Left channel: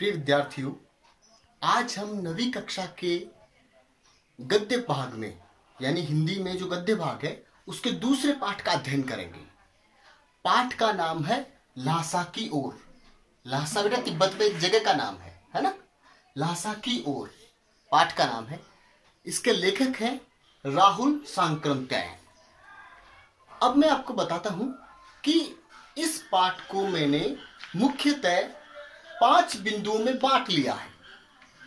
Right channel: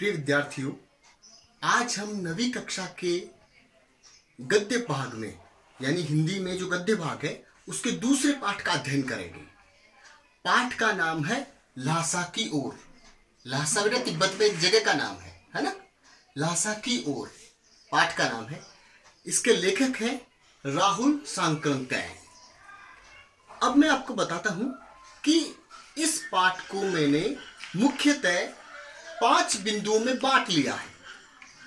प्रिय विद्यार्थियों, आज हम 9वीं कक्षा के गद्य भाग में यानी हिंदी में जो गद्य भाग है उसके दूसरे पाठ का अध्ययन करेंगे। पाठ का नाम है ल्हासा की ओर। ल्हासा बेटा तिब्बत में एक जगह का नाम है ना। ल्हासा की ओर पाठ का नाम है। इसके लेखक हैं राहुल सांकृत्यायन। अब मैं आपको बताता हूं कि इस पाठ को मैंने मुख्यतः 5 बिंदुओं में बांट लिया है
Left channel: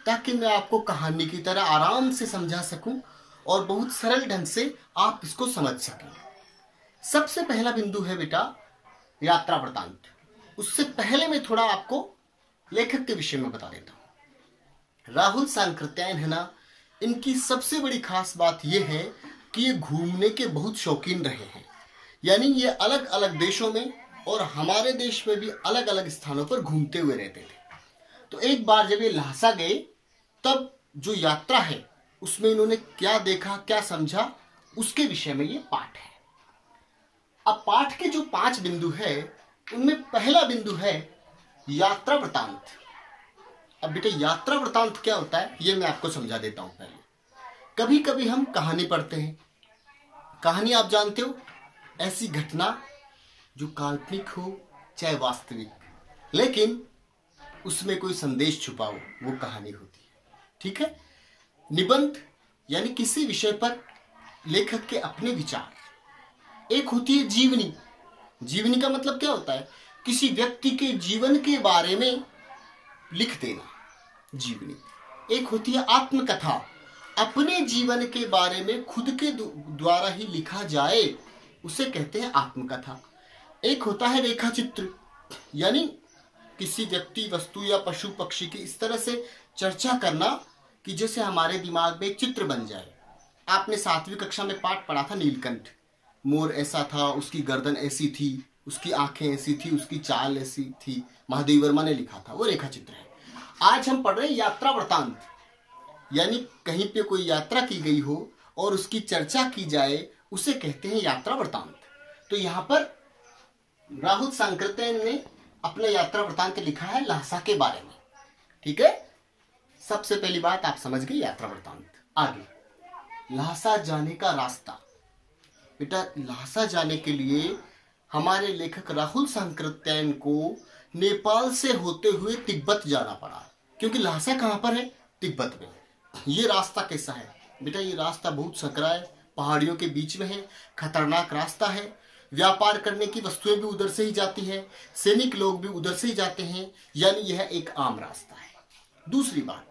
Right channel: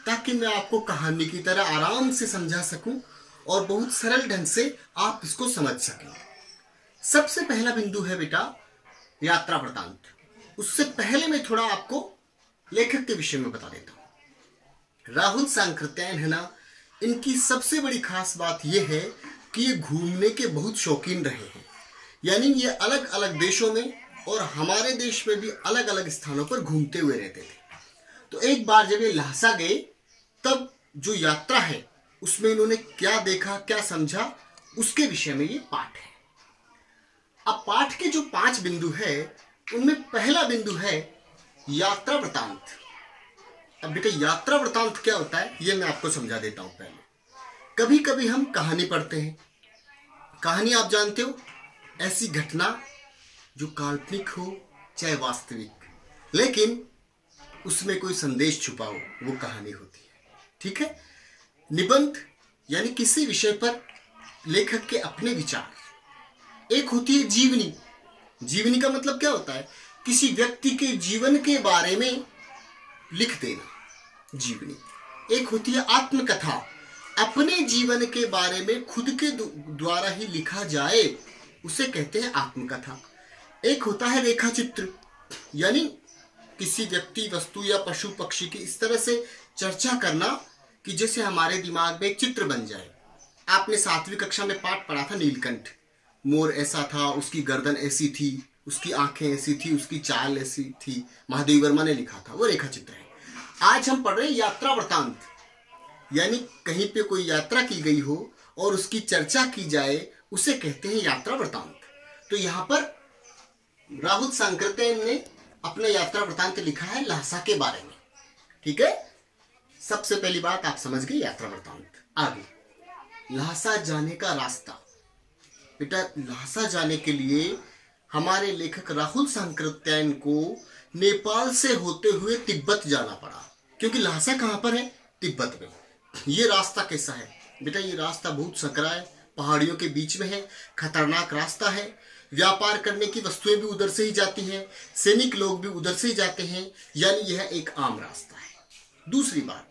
ताकि मैं आपको कहानी की तरह आराम से समझा सकूं और बहुत सरल ढंग से आप इसको समझ सकें। सबसे पहला बिंदु है बेटा यात्रा वृतांत। उससे पहले मैं थोड़ा आपको लेखक के विषय में बता देता हूं। राहुल सांकृत्यायन है ना, इनकी सबसे बड़ी खास बात यह है कि ये घूमने के बहुत शौकीन रहे हैं। यानी ये अलग अलग देशों में और हमारे देश में भी अलग अलग स्थानों पर घूमते हुए रहते थे। तो एक बार जब ये ल्हासा गए तब जो यात्रा है उसमें इन्होंने क्या देखा, क्या समझा, उसके विषय में ये पाठ है। अब पाठ के जो 5 बिंदु है उनमें पहला बिंदु है यात्रा वृतांत। अब बेटा यात्रा वृतांत क्या होता है ये मैं आपको समझा देता हूं। पहले कभी कभी हम कहानी पढ़ते हैं। कहानी आप जानते हो, ऐसी घटना जो काल्पनिक हो चाहे वास्तविक, लेकिन उसमें कोई संदेश छुपा हो, वो कहानी होती है। ठीक है। निबंध यानी किसी विषय पर लेखक के अपने विचार। एक होती है जीवनी। जीवनी का मतलब क्या होता है? किसी व्यक्ति के जीवन के बारे में लिख देना, जीवनी। एक होती है आत्मकथा, अपने जीवन के बारे में खुद के द्वारा ही लिखा जाए, उसे कहते हैं आत्मकथा। एक होता है रेखा चित्र, यानी किसी व्यक्ति, वस्तु या पशु पक्षी की इस तरह से चर्चा करना कि जैसे हमारे दिमाग में एक चित्र बन जाए। आपने 7वीं कक्षा में पाठ पढ़ा था नीलकंठ। मोर ऐसा था, उसकी गर्दन ऐसी थी, उसकी आंखें ऐसी थी, उसकी चाल ऐसी थी। महादेव वर्मा ने लिखा था, वो रेखा चित्र है। आज हम पढ़ रहे हैं यात्रा वृतांत, यानी कहीं पे कोई यात्रा की गई हो और उसकी चर्चा की जाए, उसे कहते हैं यात्रा वृतांत। तो यहाँ पर राहुल सांकृत्यायन ने अपना यात्रा वृतांत लिखा है ल्हासा के बारे में। ठीक है। सबसे पहली बात आप समझ गए यात्रा वृतांत। आगे ल्हासा जाने का रास्ता। बेटा ल्हासा जाने के लिए हमारे लेखक राहुल सांकृत्यायन को नेपाल से होते हुए तिब्बत जाना पड़ा, क्योंकि ल्हासा कहां पर है? तिब्बत में। ये रास्ता कैसा है बेटा? ये रास्ता बहुत सकरा है, पहाड़ियों के बीच में है, खतरनाक रास्ता है। व्यापार करने की वस्तुएं भी उधर से ही जाती हैं, सैनिक लोग भी उधर से ही जाते हैं, यानी यह एक आम रास्ता है। दूसरी बात,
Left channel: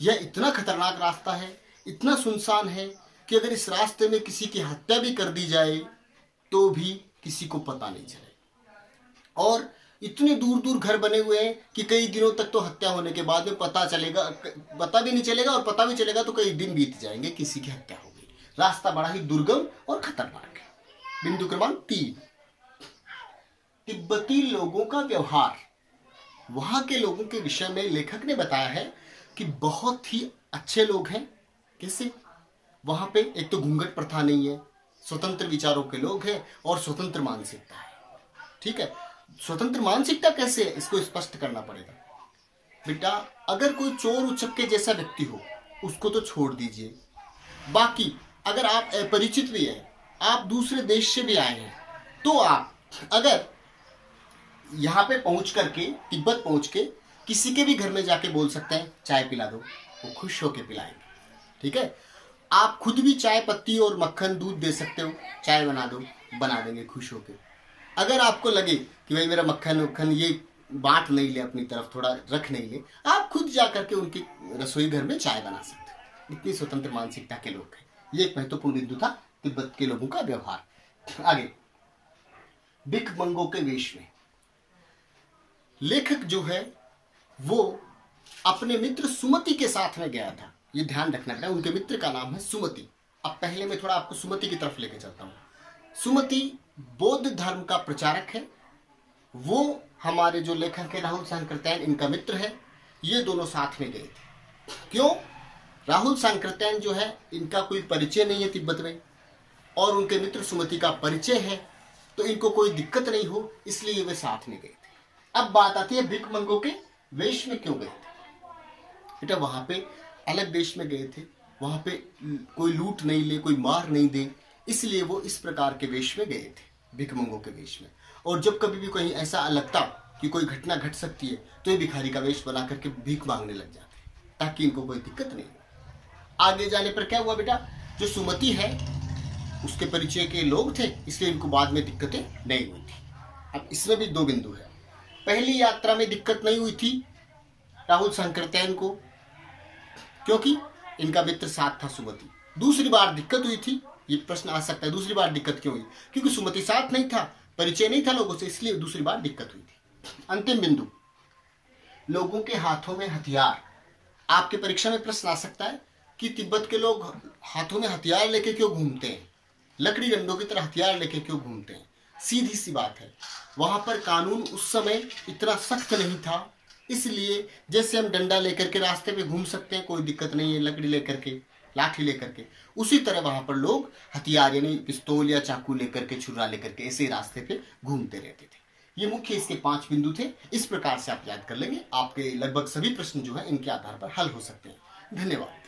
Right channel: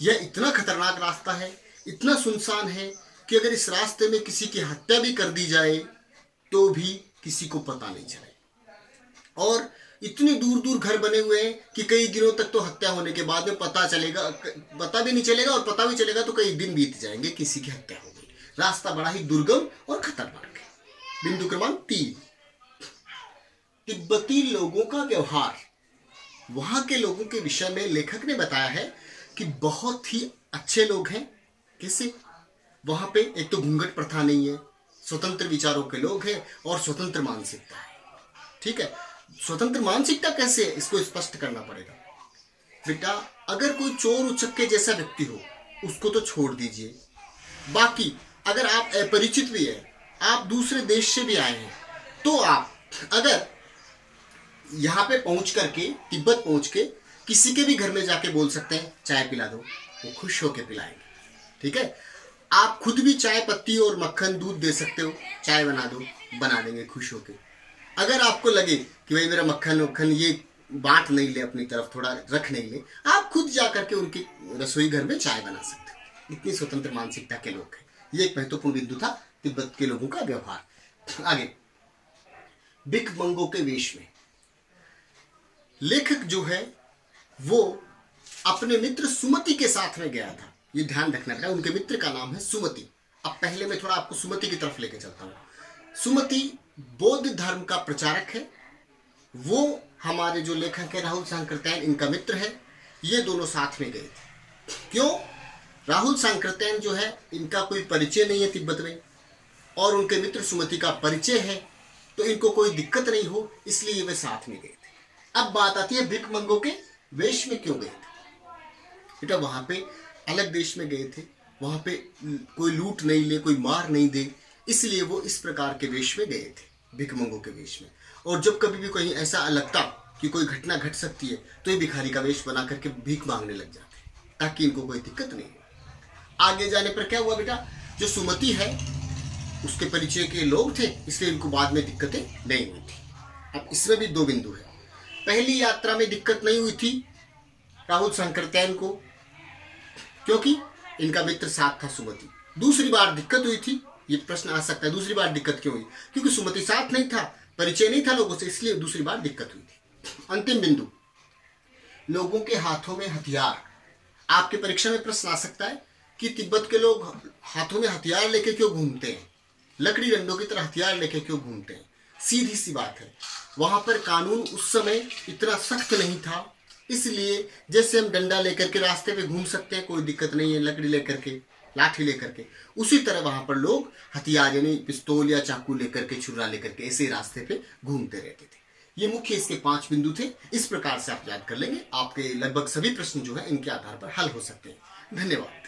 यह इतना खतरनाक रास्ता है, इतना सुनसान है कि अगर इस रास्ते में किसी की हत्या भी कर दी जाए तो भी किसी को पता नहीं चले। और इतने दूर दूर घर बने हुए हैं कि कई दिनों तक तो हत्या होने के बाद में पता भी नहीं चलेगा, और पता भी चलेगा तो कई दिन बीत जाएंगे, किसी की हत्या हो गई। रास्ता बड़ा ही दुर्गम और खतरनाक है। बिंदु क्रमांक 3, तिब्बती लोगों का व्यवहार। वहां के लोगों के विषय में लेखक ने बताया है कि बहुत ही अच्छे लोग हैं। कैसे? वहां पे एक तो घूंघट प्रथा नहीं है, स्वतंत्र विचारों के लोग हैं और स्वतंत्र मानसिकता है। ठीक है। स्वतंत्र मानसिकता कैसे है इसको स्पष्ट करना पड़ेगा। बेटा अगर कोई चोर उचक्के जैसा व्यक्ति हो उसको तो छोड़ दीजिए, बाकी अगर आप अपरिचित भी है, आप दूसरे देश से भी आए हैं, तो आप अगर यहाँ पे पहुंच करके, तिब्बत पहुंच के किसी के भी घर में जाके बोल सकते हैं चाय पिला दो, वो खुश होके पिलाएंगे। ठीक है। आप खुद भी चाय पत्ती और मक्खन दूध दे सकते हो, चाय बना दो, बना देंगे खुश होके। अगर आपको लगे कि भाई मेरा मक्खन ये बांट नहीं ले, अपनी तरफ थोड़ा रख नहीं ले, आप खुद जा करके उनकी रसोई घर में चाय बना सकते हो। इतनी स्वतंत्र मानसिकता के लोग हैं। ये एक महत्वपूर्ण बिंदु था, तिब्बत के लोगों का व्यवहार। आगे भिखमंगों के वेश में लेखक जो है वो अपने मित्र सुमति के साथ में गया था। ये ध्यान रखना है, उनके मित्र का नाम है सुमति। अब पहले मैं थोड़ा आपको सुमति की तरफ लेके चलता हूं। सुमति बौद्ध धर्म का प्रचारक है। वो हमारे जो लेखक है राहुल सांकृत्यायन, इनका मित्र है। ये दोनों साथ में गए थे। क्यों? राहुल सांकृत्यायन जो है इनका कोई परिचय नहीं है तिब्बत में, और उनके मित्र सुमति का परिचय है, तो इनको कोई दिक्कत नहीं हो, इसलिए वे साथ में गए थे। अब बात आती है भिखमंगों के वेश में क्यों गए थे? बेटा वहां पे अलग देश में गए थे, वहां पे कोई लूट नहीं ले, कोई मार नहीं दे, इसलिए वो इस प्रकार के वेश में गए थे, भिखमंगों के वेश में। और जब कभी भी कहीं ऐसा लगता कि कोई घटना घट सकती है तो ये भिखारी का वेश बना करके भीख मांगने लग जाते, ताकि इनको कोई दिक्कत नहीं हो। आगे जाने पर क्या हुआ बेटा, जो सुमति है उसके परिचय के लोग थे, इसलिए इनको बाद में दिक्कतें नहीं हुई थी। अब इसमें भी 2 बिंदु है। पहली यात्रा में दिक्कत नहीं हुई थी राहुल शंकरत्यायन को, क्योंकि इनका मित्र साथ था सुमति। दूसरी बार दिक्कत हुई थी, ये प्रश्न आ सकता है दूसरी बार दिक्कत क्यों हुई? क्योंकि सुमति साथ नहीं था, परिचय नहीं था लोगों से, इसलिए दूसरी बार दिक्कत हुई थी। अंतिम बिंदु, लोगों के हाथों में हथियार। आपके परीक्षा में प्रश्न आ सकता है कि तिब्बत के लोग हाथों में हथियार लेके क्यों घूमते हैं, लकड़ी डंडों की तरह हथियार लेके क्यों घूमते हैं? सीधी सी बात है, वहां पर कानून उस समय इतना सख्त नहीं था, इसलिए जैसे हम डंडा लेकर के रास्ते पे घूम सकते हैं, कोई दिक्कत नहीं है, लकड़ी लेकर के, लाठी लेकर के, उसी तरह वहां पर लोग हथियार यानी पिस्तौल या चाकू लेकर के, छुरा लेकर के ऐसे रास्ते पे घूमते रहते थे। ये मुख्य इसके 5 बिंदु थे। इस प्रकार से आप याद कर लेंगे, आपके लगभग सभी प्रश्न जो है इनके आधार पर हल हो सकते हैं। धन्यवाद।